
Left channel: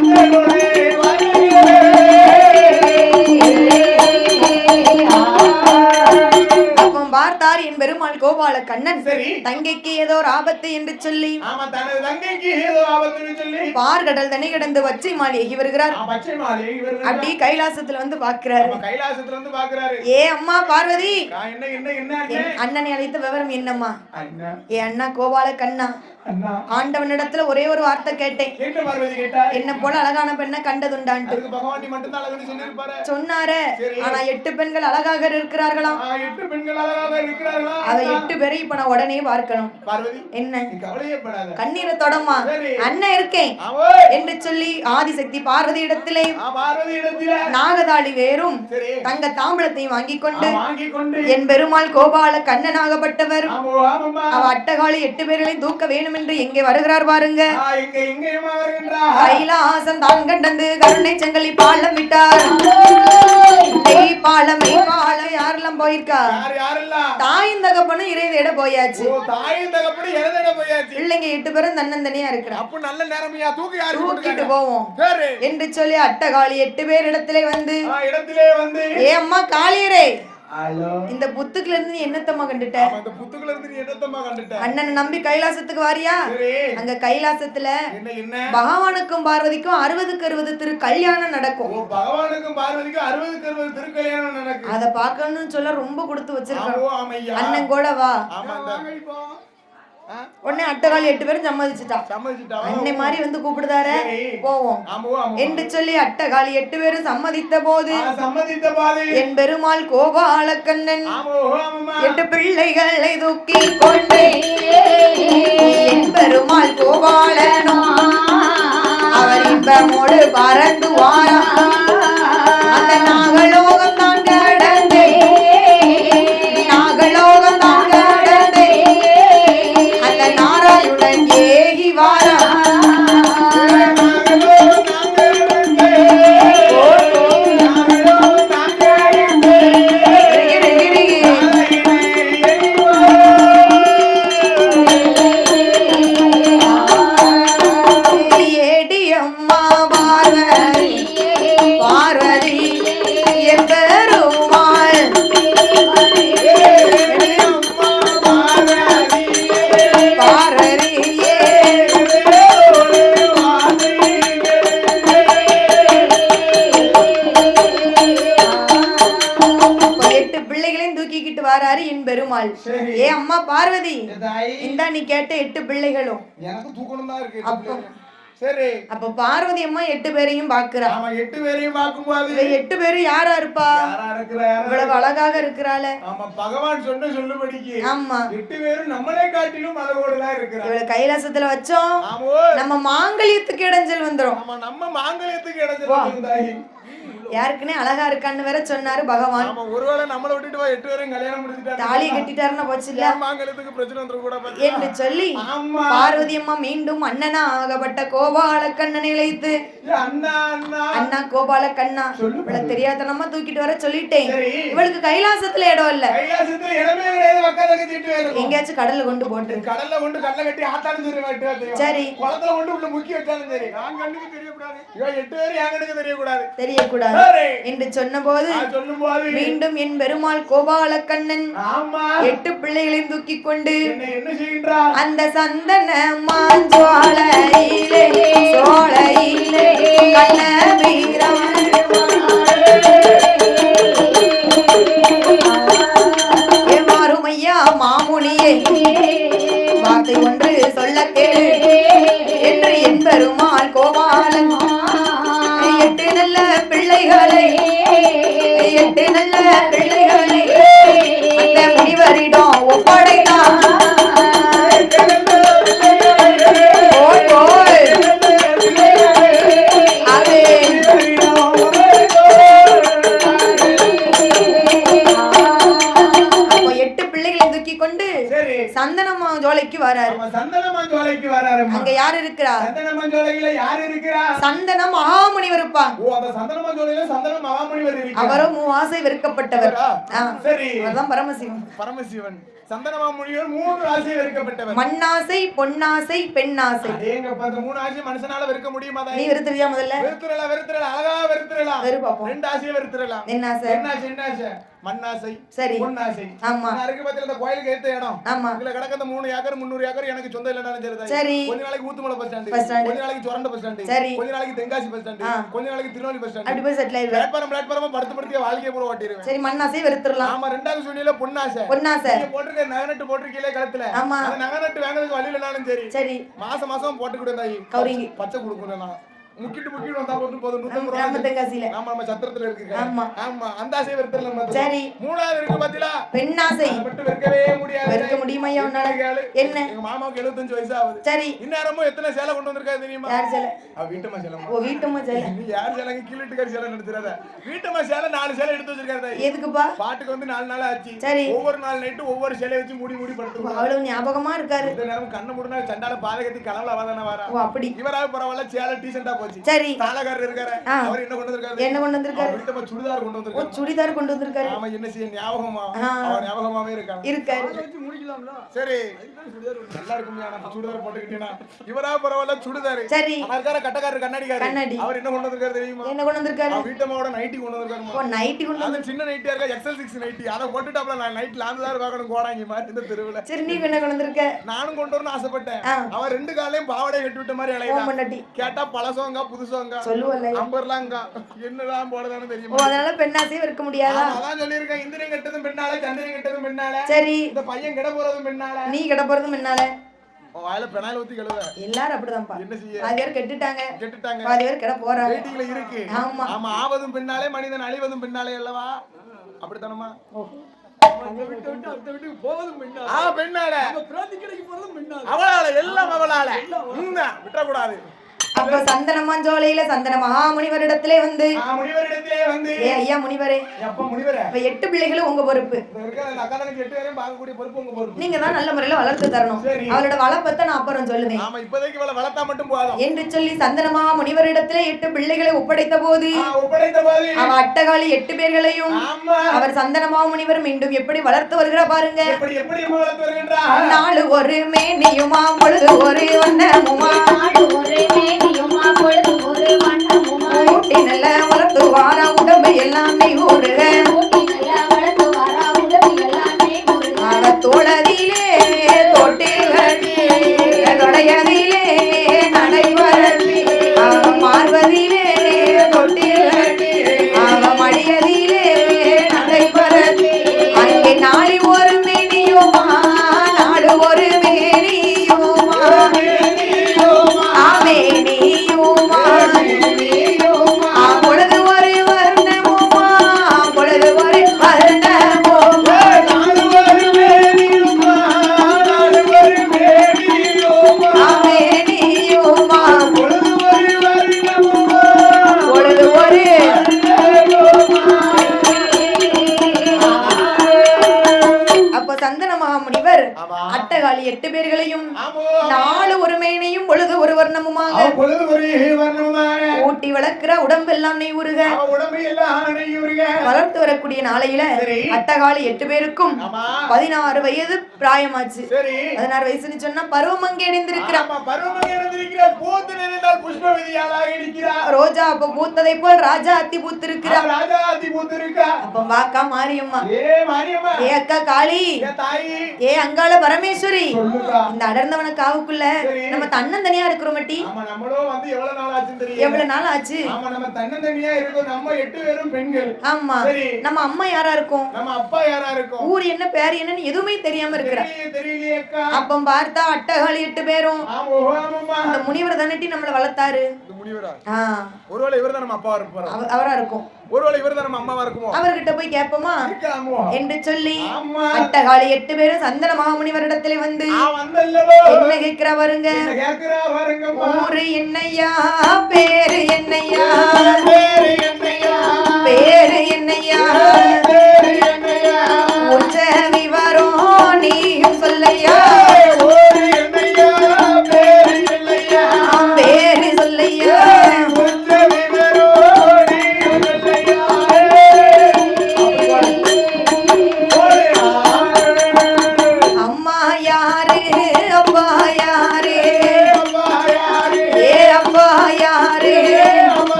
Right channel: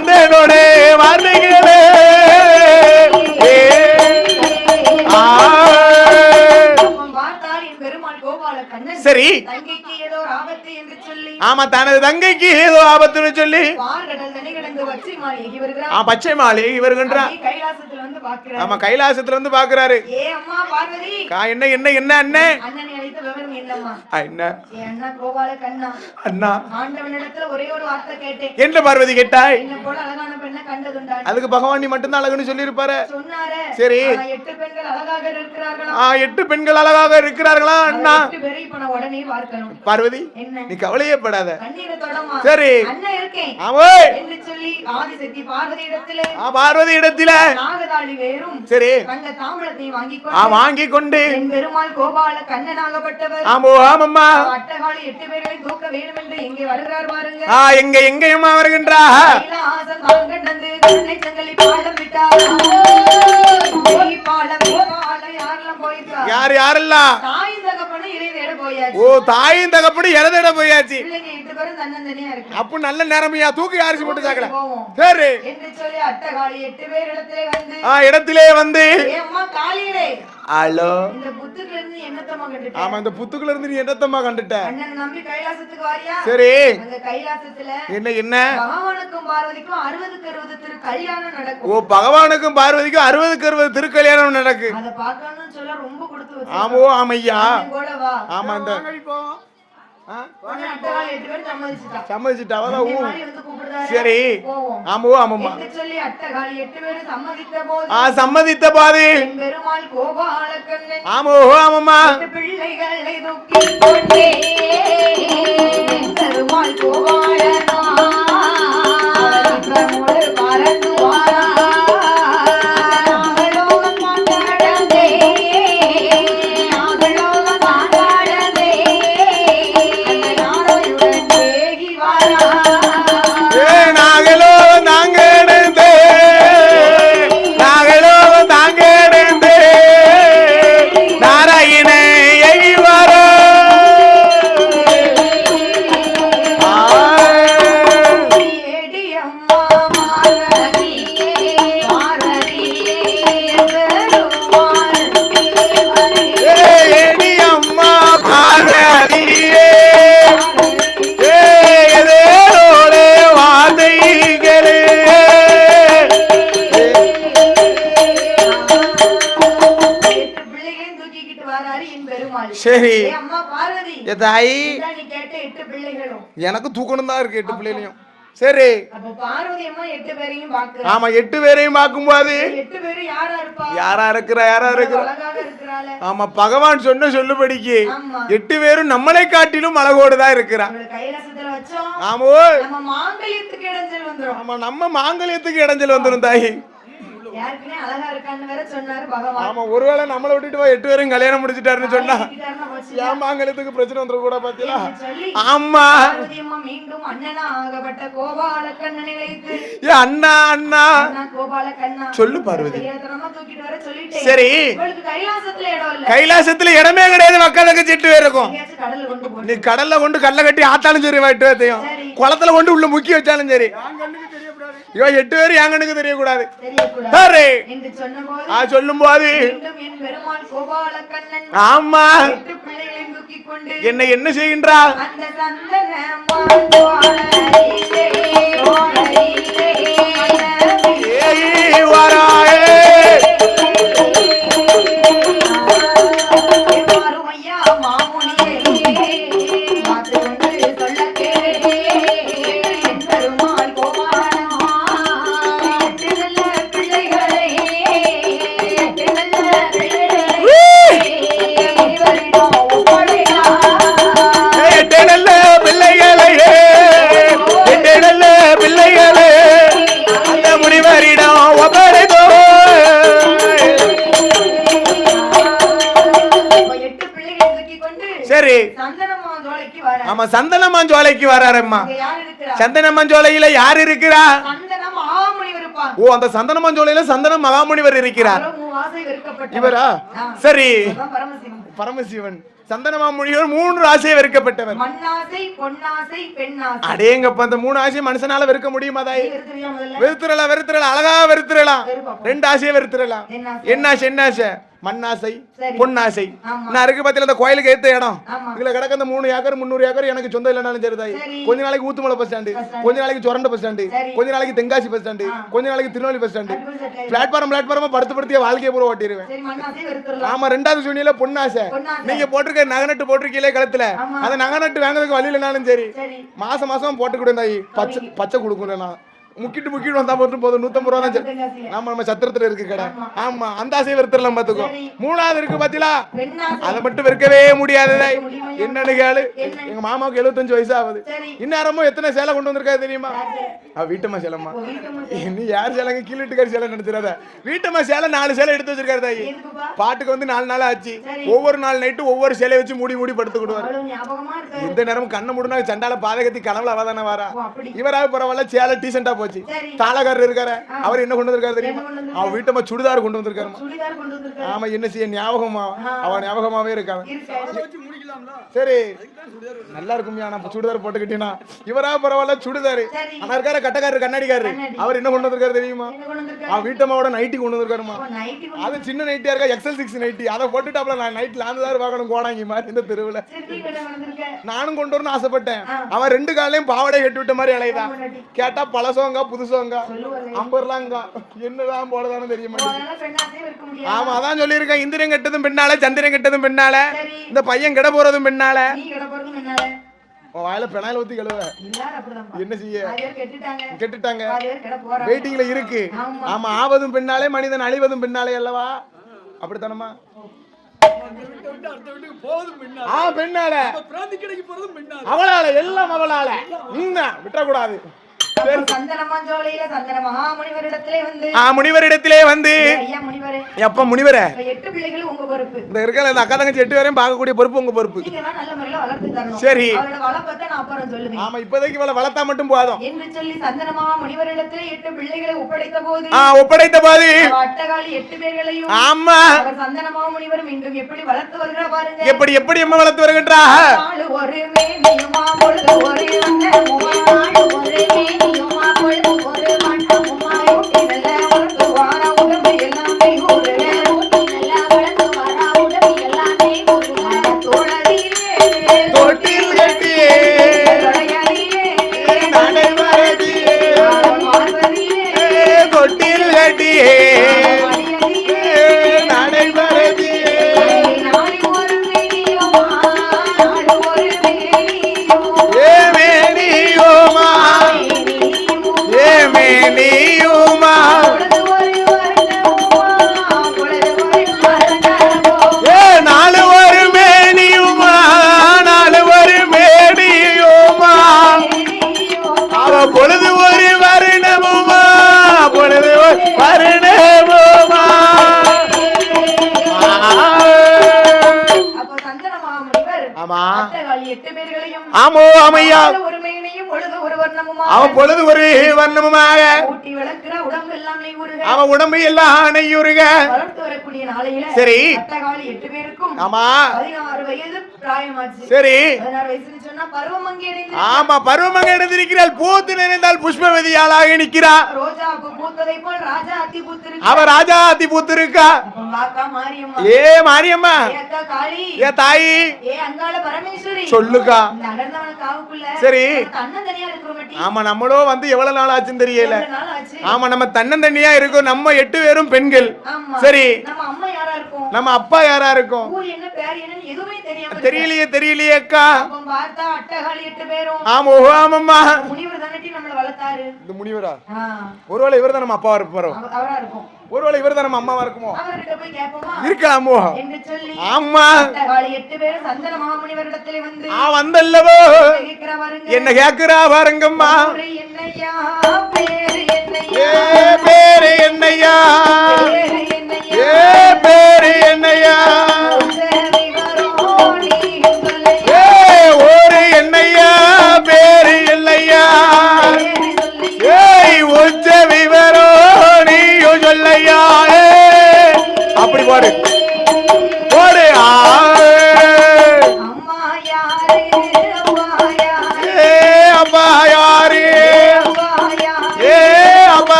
தங்கைக்கு ஏதோ ஒரு ஆபத்து என்று சொல்லி ஆமா தனது தங்கைக்கு ஏதோ ஆபத்துன்னு சொல்லி பார்கடல் தண்ணி கிடந்து பச்சை மாளிகை வருகிறார். பச்சை மாளிகை வருகின்றார். கைலாசத்துல வந்து பாக்குறாரு. ஆமா கைலாசத்துல வந்து பாக்குறாரு. ஏ அம்மா பார்வதி என்ன என்ன என்ன அண்ணே அண்ணனை அழைத்த விவரம் என்னம்மா? என்ன ஏ அண்ணா கோபால கண்ணா அண்ணா ஆண்டவனிடத்துல ஒரே ஒரு வார்த்தை கேட்டேன். என்ன பார்வதி கேட்டாய்? என்ன போல அழகான பெண்ணை கண்டதுண்டா? அதுக்கு பகவான் நீ மட்டும் தான் அழகுன்னு சொல்லி இருப்பாரு. சொன்னாரு. சரி 8 பெண்கள் அழகாக இருக்கிறார்களா? 8 பெண்கள் அழகாக இருக்கிறார்களா? அண்ணா 8 பேரை இப்ப நான் உடனே பார்க்கணும். பார்வதி என்ன நீ கவலையே படாத. கண்ணீரை தொடமா. சரி அண்ணா இருக்கேன் என்று சொல்லி ஆதிசக்தி பார்வதி இடத்திலே நாகதாளி வேறும் சரி தங்க தாம்பலத்தை வாங்கி கொண்டு என் பெருமாள் கோபால கண்ணனாகப்பட்டவர் அட்டகாளி 8 பேர்களையும் தூக்க வேண்டும் என்று எங்கே வருகிறார் பாருங்க. எங்கேயுமா வருகின்றார்? கைலாசம் தான் கண்டந்து கருணை சங்கிலி பாலம் விட்டார். பாலம் யாரெல்லாம் போயிருக்கா? யாரெல்லாம்? தாயும் தகப்பனும் இறை தேட போயாச்சு. தாயும் தகப்பனும் இறை தேட போயாச்சு. இல்லைங்க 8 பேரும் தன்னந்தனியா இருக்கிறாங்க. அப்ப நல்ல நேரமையா தூக்கி யாருக்கு போட்டுட்டாங்க போவோம். சரி என்று சொல்லி அட்டகாளி 8 பேர் இடத்திலே வந்து ஏ அம்மா காளியரே ஹலோ இந்த புத்துக்குல இருந்து நீ என்னத்தம்மா கண்டுட்ட? ஆமா இந்த புத்துக்குல இருந்து நீ என்னத்தம்மா கண்டுட்ட? அண்ணனை நம்பி கைலாசத்துக்கு வாரியா? சரி அங்க கைலாசத்துல என்ன பகவானுக்கும் பார்வதிக்கும் 60க்கு 60 திரு கல்யாணம் நடக்கும். பகவானுக்கும் பார்வதிக்கும் 60க்கு 60 திரு கல்யாணம் நடக்கும். அத பார்க்கணும்னு சொல்ல ரொம்ப கொடுத்து வச்சிருக்காங்க. ஆமா ஆமையா அண்ணன் கூட வா. ஆமா இந்த உடனே அட்டகாளி 8 பேரும் சம்மதிச்சிட்டா. அன்னை மாதிரி வந்து கூப்பிடுதாரே. சரி போவோம். ஆமா என்று சொல்லி அட்டகாளி 8 பேரும் சம்மதித்த போது என் பெருமாள் கோபால கண்ணன் ஆமாமா 8 பிள்ளைகளை தூக்கி கொண்டே என் பெருமாள் கோபாலனோ அவர் இப்பமோடு பறந்து வாரா. அந்த நாகலோகம் தான் கடந்தே அந்த நாராயுடன் ஏகி வாரா. சரி அம்மா பார்வதி நீ கேட்ட 8 பிள்ளைகளும் எனக்கு தூக்கணும் தான் இருக்கு 8 பிள்ளைகளையும். சரி அப்ப பார்வதி அம்மா 8 பேரையும் பாக்குறா. ஆமா 8 பேரையும் பாக்கும்போது 8 பேரும் யாரா இருப்பா? யாரா இருக்கிறா அழகாக இருக்கிறாளே. ஆமா பகவான் சொன்ன சொல்லுபடிக்கு 8 பேரும் நம்மளை காட்டிலும் அழகோடு தான் இருக்கிறா. கைலாசத்துல வச்சோம். ஆமா நம்ம மாங்கல்யத்துக்கு இடைஞ்சல் வந்துரும். ஆமா நம்ம மாங்கல்யத்துக்கு இடைஞ்சல் வந்துரும் தாயி. யாருக்குனே அழகா இருக்கான்னு வேற சொன்னாரு பகவான். ஆமா ஒருவேளை நம்மள விட்டுட்டு 8 பேரும் கல்யாணம் முடிச்சிட்டாருன்னு சொன்னா போச்சுல மாங்கல்யத்துக்கு பிரச்சனை வந்துற கூட பாத்தியா என்ன சொல்லி ஆமா பார்வதி அம்மா மீண்டும் அண்ணனா ஆகப்பட்ட கோபால கண்ணனை இழைத்து அண்ணா கோபால கண்ணா சொல்லு பாரு தெரியாதனமா தூக்கிட்டு வர சொல்லிட்டேன். சரி இவளுக்கு கைலாசத்துல இடம் இல்ல. கைலாசத்துல இடமே கிடையாது. மக்களுக்கு செட்டு இருக்கும். எங்கயாச்சும் கடல்ல கொண்டு போட்டு கடல்ல கொண்டு கல்ல கட்டி ஆத்தாலும் சரி வாட்டுவாதையும் குளத்துல கொண்டு உள்ள முக்கி வச்சாலும் சரி இவன் 8 பேரும் என் கண்ணுக்கு தெரியக்கூடாது என்று சொன்னபோது சொல்லும்போது மீண்டும் என் பெருமாள் கோபால கண்ணன் ஆமா 8 பிள்ளைகளையும் தூக்கி கொண்டு என்ன செய்கின்றார்? அந்த சந்தன மாஞ்சோலையிலே சோலையிலே மாறுமையா மாமுனியே வாக்கு கொண்டு சொல்ல கேளு என்று என் பெருமாள் கோபாலன் 8 நல்ல பிள்ளைகளை 8 நல்ல பிள்ளைகளை அந்த முனிவரிடம் ஒப்படைத்தான். 8 நல்ல பிள்ளைகளை 8 நல்ல பிள்ளைகளை அந்த முனிவரிடம் ஒப்படைத்தான். 8 பிள்ளைகளை தூக்கி கொண்டு சரி சந்தனமாஞ்சோலைக்கு வராரு. ஆமா சந்தனமாஞ்சோலைக்கு வராரும்மா. அங்க யார் இருக்கறா? சந்தனமாஞ்சோலையில யார் இருக்கறா? சந்தன மகாமுனிவர் இருப்பா. அந்த சந்தனமாஞ்சோலையில சந்தன மகாமுனிவர் இருக்கிறார். அவர் 3 ஆசை வெறுக்கப்பட்டவர். சரி அதான் பரமசிவன் சந்தனமாமுனிவர் 3 ஆசை வெறுக்கப்பட்டவர். மண்ணாசை பொன்னாசை பெண்ணாசை. அடேங்கப்பா அந்த 3 ஆசை மனுஷனால வெறுக்க முடியுமா தாய்? வெறுத்துறியா முதல்ல? வெறுத்துறலாம் அழகா வெறுத்துறலாம். 2 ஆசையை வெறுத்துறலாம். என்ன ஆசை? மண்ணாசை பொன்னாசை நான் இருக்கு பத்தில அந்த கோயிலுக்கு ஏத்த இடம் இதுல கிடக்க அந்த 3 ஏக்கர் 300 ஏக்கர் எனக்கு சொந்தம் இல்லனாலும் சரிதாய். கொஞ்ச நாளைக்கு ஊத்துமலை பஸ் ஸ்டாண்ட், கொஞ்ச நாளைக்கு சொரண்ட பஸ் ஸ்டாண்ட், கொஞ்ச நாளைக்கு தென்காசி பஸ் ஸ்டாண்ட், கொஞ்ச நாளைக்கு திருநெல்வேலி பஸ் ஸ்டாண்ட், பிளாட்ஃபார்மா படுத்து வாழ்க்கையை பூரா ஓட்டிடுவேன். சரி மண்ணாசை வெறுத்துறலாம். ஆமா ரெண்டாவது சூனியில பொன்னாசை. நீங்க போட்டுருக்க நகநட்டு போட்டிருக்கீங்களே கழுத்துல அந்த நகநட்டு வாங்குறதுக்கு வழி இல்லனாலும் சரி மாசம் மாசம் போட்டுக்கிட்டே தாயி பச்சை கொடுக்குறேன் நான் முக்கிட்டு வந்தா போதும் 150 ரூபாய் நம்ம சத்திரத்துல இருக்கு கடை. ஆமா அந்த ஆசை வெறுத்துறலாம் பாத்துக்கோ. மூணாவது இருக்கு பாத்தீங்களா அதை மட்டும் வெறுக்கவே முடியாது. என்னன்னு கேளு. எங்க மாமாவுக்கு 75 வயசு ஆகுது. இந்நேரமும் எத்தனை சேலை கொண்டு வந்திருக்காரு தெரியுமா? வீட்டம்மா சேலம்மா. நீ யார் சேலைங்க கீழட்டுக்காரி சேலை நினைச்சிடாத. வீட்டம்மா சேலை 4 சேலை எடுத்து வச்சிருக்காரு தாயி. பாட்டுக்கு வந்து 4 நாள் ஆச்சு. ஒவ்வொரு நாள் நைட்டு ஒவ்வொரு சேலையை வச்சு மூடி படுத்துக்கிடுவாரு. இந்த நேரம் கண்ணை மூடுனா சண்டால பாதகத்தி கனவுல அவதானே வாரா. இவராக பரவாயில்ல சேலை டீசெண்டா போச்சு. தாளகாரர் இருக்காரு அவர் என்ன கொண்டு வந்திருக்காரு? அவன் வீட்டம்மா சுடிதார் கொண்டு வந்திருக்காரு. ஆமா என்ன செய்ய ஞாபகமா அவன் ஞாபகமாவே இருக்காங்க. சரி நல்லா இருக்கும் சுடிதார் போட்டுக்கிட்டீங்கன்னா இவராக பரவாயில்ல சுடிதார் இருக்காரு. கட்டக்காரர் கண்ணாடிக்காரு அவர் என்ன கொண்டு வந்திருக்காரு தெரியுமா? அவன் வீட்டம்மாவோட நைட்டி கொண்டு வந்திருக்காருமா. அது சின்ன நைட்டியா இருக்கா XL6 நைட்டி அதை போட்டுட்டாப்ல. நான் நைட்ல 4000 பார்க்கணும் கோடாங்கி மாதிரி இந்த தெருவுல. நானும் கொண்டு வரணும்னு ஆசைப்பட்டேன். அவன் 2 காலையும் பாவாடை கட்டி விட்ட மாதிரி அலையிறான். கேட்டா பழசோங்க புதுசோங்க நம்பர்லாங்க என்னதான் போடுதானு தெரியுமா? ஆமா அதான் சொல்லியிருக்கேன். இந்திரன் கெட்டதும் பெண்ணால சந்திரன் கெட்டதும் பெண்ணால இந்த பையன் கிட போறதும் பெண்ணால வாயில பெனாயில் ஊத்தி கழுவ எல்லாரும் அப்படிதான். என்ன செய்ய கெட்டுட்டாங்க வெயிட்டிங்ல இருக்கு. ஆமா ஆவதும் பெண்ணாலே மனிதன் அழிவதும் பெண்ணாலே அல்லவா? அப்படித்தானமா? அவளால எல்லாம் அவளால விட்டக்கூடாது. சந்தனமாஞ்சோலையில சந்தன மகாமுனிவரிடத்திலே வந்து ஐயா முனிவரே எப்ப முனிவரே 8 பிள்ளைகளும் உங்க பொறுப்பு. இந்த இருக்கல அந்த அக்கா தங்கச்சி 8 பேரையும் பார்க்கக்கூடிய பொறுப்பு உங்க பொறுப்பு. நீங்க தான் நல்ல முறையில வளர்த்து தரணும். சரி அவரோட வளப்பத்தை நான் அப்புறம் சொல்லுவேன். ஆமா இப்போதைக்கு வளர்த்தா மட்டும் போதும் என்று சொல்லி சந்தன மகாமுனிவரிடத்திலே 8 பிள்ளைகளை ஒப்படைத்த போது அட்டகாலி 8 பேர்களையும் ஆமா அவர் சந்தன மகாமுனிவர் மீண்டும் எப்படி வளர்த்து வருகிறார் பாருங்க. எப்படி அம்மா வளர்த்து வருகின்றார்? நாள் ஒரு மேனியுமா பொழுது ஒரு வண்ணமுமா நாள் ஒரு மேனியுமா பொழுது ஒரு வண்ணமுமா ஊட்டி நல்ல வளர்த்து வாரா உடம்பு எல்லாமே ஊருக ஊட்டி நல்ல வளர்த்து வாரா உடம்பு எல்லாமே ஊருக தோழதிலே தோட்டில் கட்டியே தொடையதிலே நடைபரதி பார்வதிலே தொட்டில் கட்டியே மடியதிலே நடைபரதி அங்கே நாளை ஒரு மேனியுமா நாடு ஒரு மேனியுமா மேனியுமா மேனியுமா பொழுது ஒரு வர்ணமுமா பொழுது ஒரு வர்ணமுமா நாலு ஒரு மேனியுமா நாலு ஒரு மேனியுமா மேனியுமா பொழுது ஒரு வர்ணமுமா பொழுது ஒரு வர்ணமுமா. அப்ப சந்தன மகாமுனிவர் அட்டகாலி 8 பேர்களையும் ஆமோ ஆமையா ஒரு மேனியும் பொழுது ஒரு வர்ணமுமா அவன் பொழுது ஒரு வர்ணமுமாக ஊட்டி வளர்க்கிற உடம்பு எல்லாம் நெய்யுருக அவன் உடம்பு எல்லாம் நெய்யுருக வளர்த்து வரக்கூடிய நாளையில சரி அட்டகாலி 8 பேருக்கும் ஆமா 16 வயது பிராயமாச்சு. சரி 16 வயசுன்னு சொன்னா பருவமங்கை அடைந்திருக்கிறார். ஆமா பருவமங்கை அடைந்திருக்கிறாள். பூத்து நினைந்தால் புஷ்பவதியாளாக நிற்கிறார். ரோஜா அப்ப பூத்ததை போல் ராஜா அத்தி பூத்திருக்கா. அவ ராஜா அத்தி பூத்திருக்கா. அப்ப வாக்கா மாரியம்மா மாரியம்மா ஏ அக்கா காளி ஏ தாயி ஏ அங்காள பரமேஸ்வரி சொல்லுக்கா. இந்த அடர்ந்தவன காவுக்குள்ள சரி நம்ம தன்னந்தனியா இருக்கிறோம் மட்டி. ஆமா நம்மளோ வந்து எவ்வளவு நாள் ஆச்சுன்னு தெரியல. எவ்வளவு நாள் ஆச்சு? ஆமா நம்ம தன்னந்தனியா இருக்கோம். நம்ம 8 பேரும் பெண்கள். ஆமா சரி நம்ம அம்மா யாரா இருக்கும்? நம்ம அப்பா யாரா இருக்கும்? ஊர் என்ன பேர் என்னன்னு எதுவுமே தெரியாம இருக்கு. தெரியலையே அக்கா. அப்ப பார்த்தா அட்டகாளி 8 பேரும் ஆமா ஆமாம்மா முனிவர் தானட்டி நம்மள வளர்த்தாரு. இந்த முனிவரா? ஒருவேளை இவர்தான் நம்ம அப்பாவா இருப்பாரோ? அவரா இருக்கும். ஒருவேளை இவர்தான் நம்ம அம்மாவா இருக்குமோ? அவர்கிட்ட போய் கேட்போமா? இருக்கலாமோ என்று சொல்லி ஆமா அட்டகாளி 8 பேரும் சந்தன மகாமுனிவரிடத்திலே வந்து வந்தல்லவோ கேக்குறா பாருங்க. என்ன கேக்குறா பாருங்கம்மா. ஊரு என்னையா பேரு என்னையா பேரு என்னையா பேரு என்னையா பேரு என்னையா உச்சவி வரும் நீயும் சொல்லையா ஊரு என்னையா பேரு இல்லையா பேரு சொல்லையா உச்சவி வரும் நீயும் சொல்லையா. அப்படி பாரு ஒரு அம்மா யாரு அப்பா யாரு அப்பா யாரு அப்பா யாரு அப்பா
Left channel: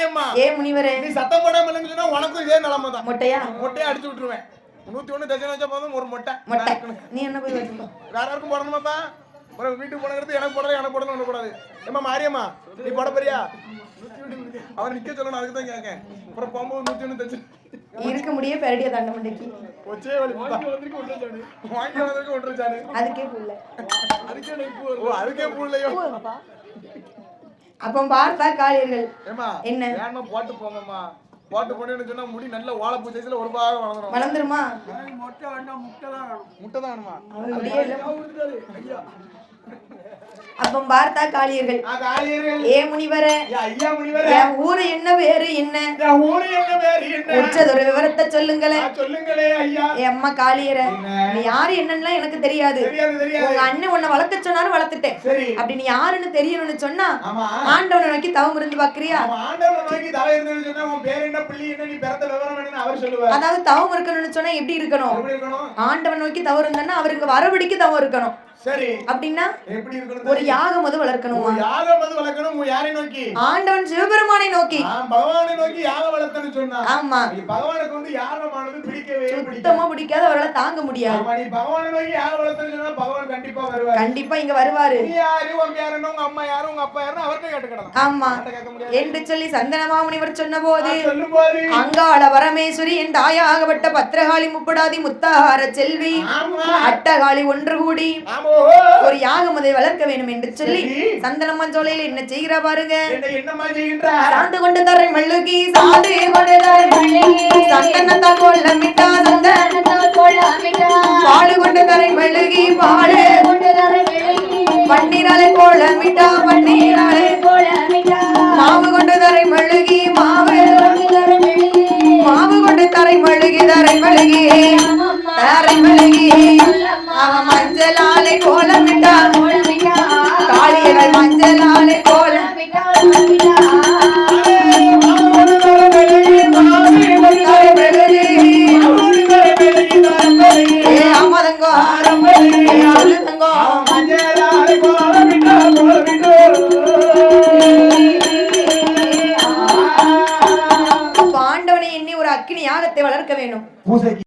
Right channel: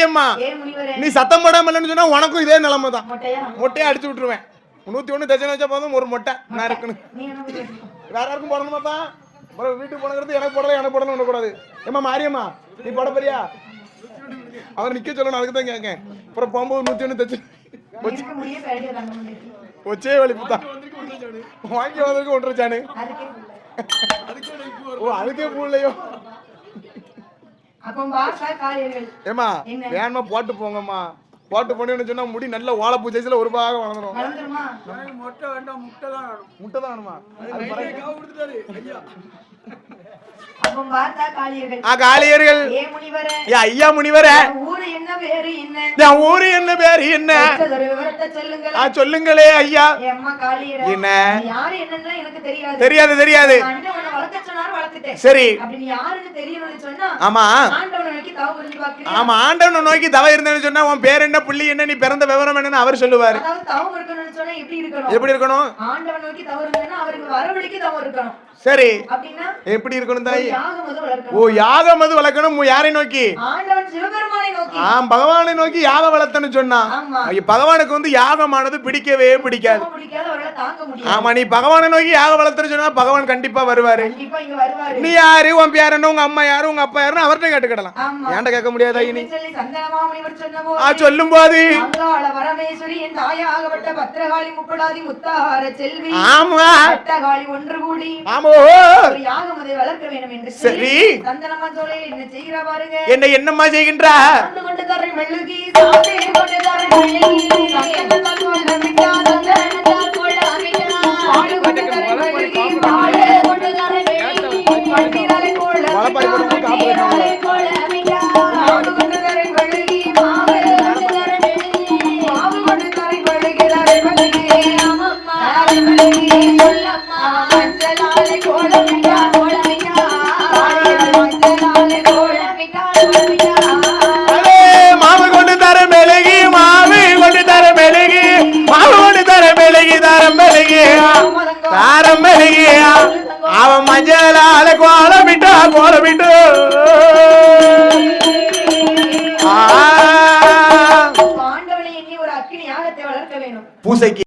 மாரியம்மா ஏ முனிவரே நீ சத்தம் போடாம இல்லைன்னு சொன்னா உனக்கும் இதே நிலைமை தான். மொட்டையா அடிச்சு விட்டுருவேன். 101 தச்சனை வச்சா போதும், ஒரு மொட்டை. நீ என்ன போய் வைக்கணும்? வேற யாருக்கும் போடணுமாப்பா? வீட்டுக்கு போனது எனக்கு போடணும் கூடாது. ஏமா மாரியம்மா நீ போட போறியா? அவர் நிக்க சொல்லணும், அதுக்கு தான் கேட்கேன். அப்புறம் போகும்போது 101 தச்சு இருக்க முடிய பேடிய தண்ட மண்டைக்கு ஒச்சே வலிப்புதா வாங்கி வந்ததுக்கு ஒன்றச்சானு அதுக்கே பூலையோ. அப்ப பார்த்தா காரியர்கள் ஏமா வேணுமா போட்டு போங்கம்மா. போட்டு போனேன்னு சொன்னா முடி நல்ல வாழைப்பூ சைஸ்ல ஒரு பாகம் வளர்ந்துருமா? மொட்டை வேண்டாம், முட்டை தான் வேணும். முட்டை தான் வேணுமா? அப்ப பார்த்தா காளியர்கள் காளியர்கள் ஏ முனிவரே ஐயா முனிவரே ஊரு என்ன பேரு என்ன? ஊரு என்ன பேரு என்ன? ஒரு விவரத்தை சொல்லுங்களே. சொல்லுங்களே ஐயா. அம்மா காளியரே என்ன யாரு என்னன்னு எனக்கு தெரியாது. தெரியாது. அண்ணன் உன்னை வளர்க்க சொன்னாலும் வளர்த்துட்டேன். சரி அப்படி நீ யாருன்னு தெரியணும்னு சொன்னா ஆமா ஆண்டவனை நோக்கி தவம் இருந்து பாக்குறியா? ஆமா ஆண்டவனை நோக்கி தவம் இருந்தேன்னு சொன்னா உன் பேர் என்ன புள்ளி என்ன நீ பிறந்த விவரம் என்னன்னு அவர் சொல்லுவார். அதாவது தவம் இருக்கணும்னு சொன்னா எப்படி இருக்கணும்? ஆண்டவனை நோக்கி தவம் இருந்தேன்னா அவருக்கு வரபடிக்கு தவம் இருக்கணும். சரி அப்படின்னா எப்படி இருக்கணும்? தாய் யாகம் அது வளர்க்கணும். ஓ யாகம் அது வளர்க்கணும். யாரை நோக்கி? ஆண்டவன் சிவபெருமானை நோக்கி. பகவானை நோக்கி யாகம் வளர்த்தன்னு சொன்னா ஆமா பகவானுக்கு வந்து யாகமானது பிடிக்கவே பிடிக்காது. அவரால் தாங்க முடியாது. ஆமா நீ பகவானை நோக்கி யாகம் வளர்த்தன்னு சொன்னா பகவான் கண்டிப்பா வருவாரு. கண்டிப்பா இங்க வருவாரு. நீ யாரு உன் பேர் என்ன உங்க அம்மா யாரு உங்க அப்பா யாருன்னு அவர்கிட்ட கேட்டுக்கிடலாம். ஆமா ஏன்டா கேட்க முடியாது என்று சொல்லி சந்தனமாமுனிவர் சொன்னபோது சொல்லும்போது அங்காள பரமேஸ்வரி என் தாயாகப்பட்ட பத்திரகாளி முப்படாதி முத்தாகார செல்வி ஆமா பட்டகாளி ஒன்று கூடி ஆமோ ஒரு யாகம் அதை வளர்க்க வேண்டும் என்று சொல்லி சந்தனம்மா சோலையில் என்ன செய்கிறா பாருங்க. என்னம்மா செய்கின்றா? ஆண்டு கொண்டு தரை மெழுகி சாதே கொண்டு தரை மெழுகி சந்தனத்தால் கோலமிட்டா சந்தனத்தால் கோலமிட்டா பாடு கொண்டு தரை மெழுகி பாடு கொண்டு தரை மெழுகி பன்னீராலே கோலமிட்டா பன்னீராலே கோலமிட்டா மாவு கொண்டு தரை மெழுகி மாவு கொண்டு தரை மெழுகி மாவு கொண்டு தரை மெழுகி தரை மெழுகி தரை மெழுகி மஞ்சளாலே கோலமிட்டா காளியர்கள் மஞ்சளாலே கோலமிட்டா மாவு கொண்டு தர மெழுகி மாவு கொண்டு தர மெழுகி மாவு கொண்டு தர மெழுகி தரம் மெழுகி தாரம் மெழுகி அவன் மஞ்சளால கோலமிட்டா ஆண்டவனை எண்ணி ஒரு அக்கினி யாகத்தை வளர்க்க வேண்டும். பூசைக்கு